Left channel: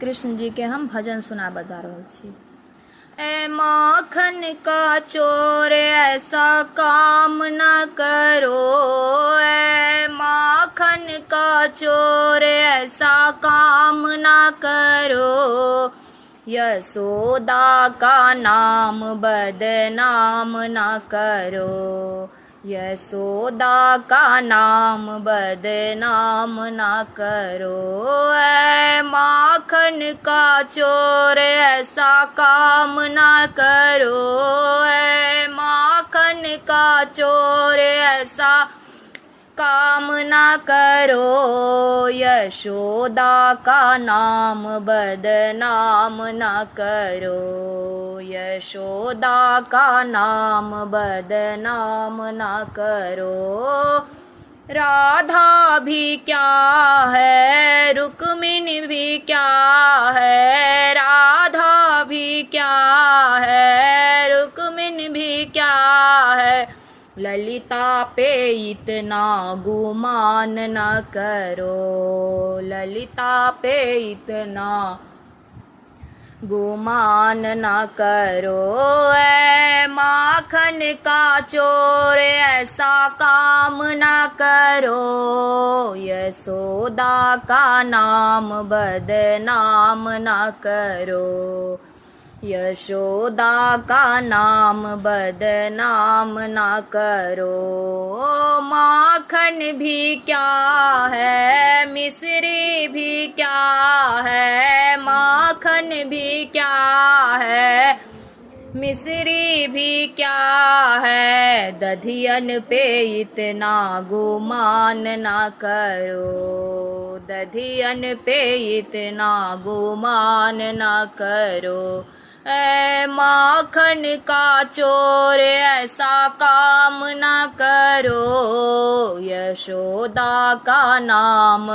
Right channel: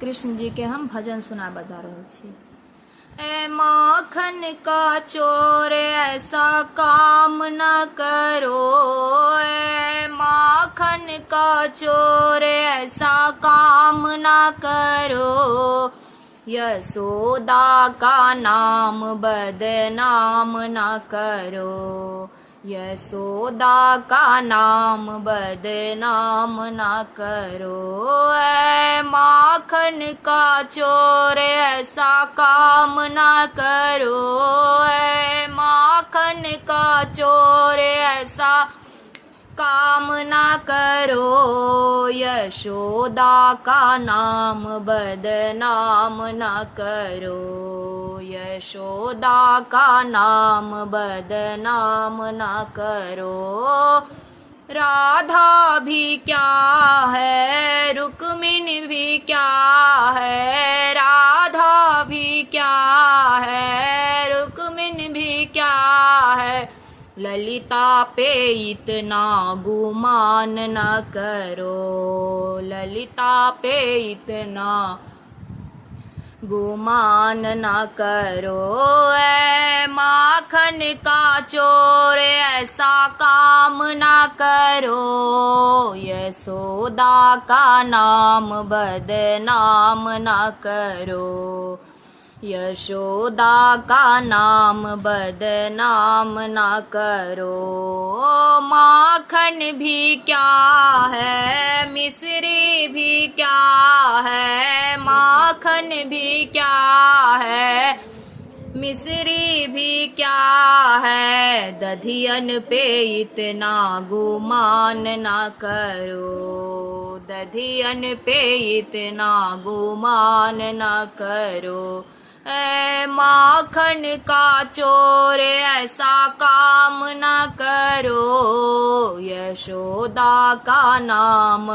कृष्ण जी के हम भजन सुना बजा रहल छी। ए माखन का चोर ऐसा काम न करो, ए माखन का चोर ऐसा काम न करो, यशोदा का नाम बदनाम न करो, यशोदा का नाम बदनाम न करो। ऐ माखन का चोर ऐसा काम न करो, ऐ माखन का चोर ऐसा काम न करो, यशोदा का नाम बदनाम न करो, यशोदा का नाम बदनाम न करो। राधा भी क्या है, रुक्मिणी भी क्या है, राधा भी क्या है, रुक्मिणी भी क्या है, ललिता पे इतना गुमान न करो, ललिता पे इतना गुमान न करो। ऐ माखन का चोर ऐसा काम न करो, यशोदा का नाम बदनाम न करो, यशोदा का नाम बदनाम न करो। माखन भी क्या है, मिश्री भी क्या है, माखन भी क्या है, मिश्री भी क्या है, दधियन पे इतना गुमान न करो, दधियन पे इतना गुमान न करो। ऐ माखन का चोर ऐसा काम न करो, यशोदा का नाम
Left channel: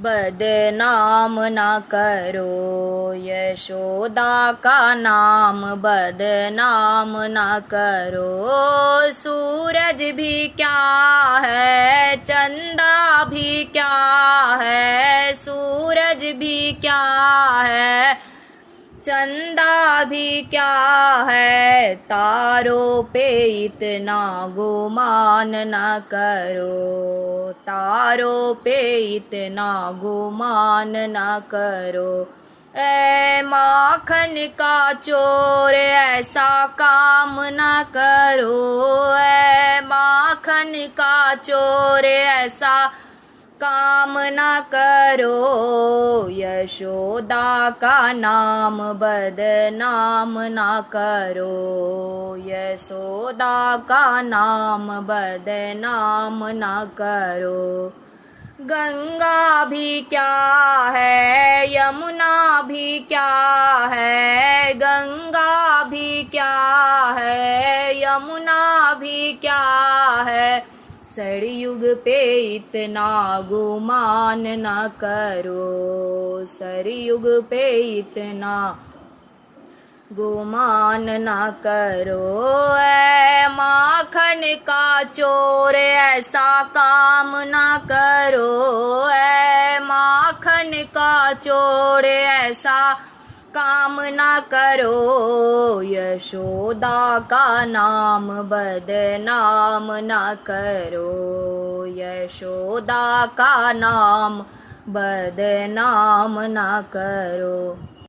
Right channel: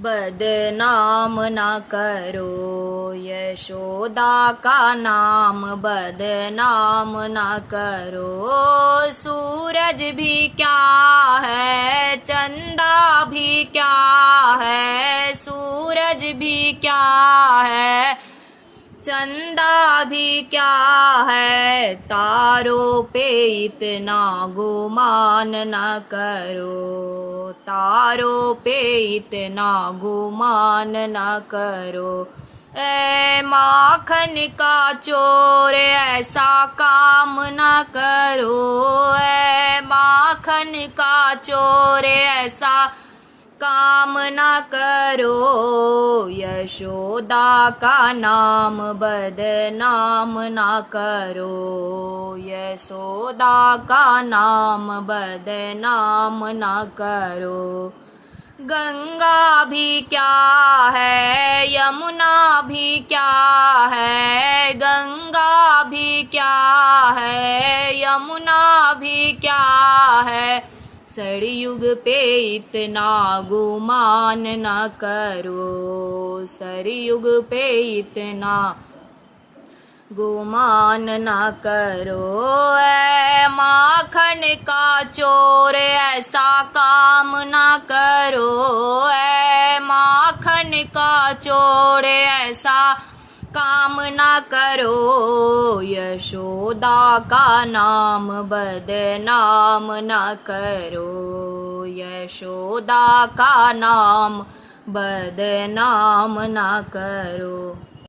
बदनाम न करो, यशोदा का नाम बदनाम न करो। सूरज भी क्या है, चंदा भी क्या है, सूरज भी क्या है, चंदा भी क्या है, तारों पे इतना गुमान न करो, तारों पे इतना गुमान न करो। ऐ माखन का चोर ऐसा काम न करो, ऐ माखन का चोर ऐसा काम न करो, यशोदा का नाम बदनाम न करो, यशोदा का नाम बदनाम न करो। गंगा भी क्या है, यमुना भी क्या है, गंगा भी क्या है, यमुना भी क्या है, सरयुग पे इतना गुमान न करो, सरयुग पे इतना गुमान न करो। ऐ माखन का चोर ऐसा काम न करो, ऐ माखन का चोर ऐसा काम न करो, यशोदा का नाम बदनाम न करो, यशोदा का नाम बदनाम न करो।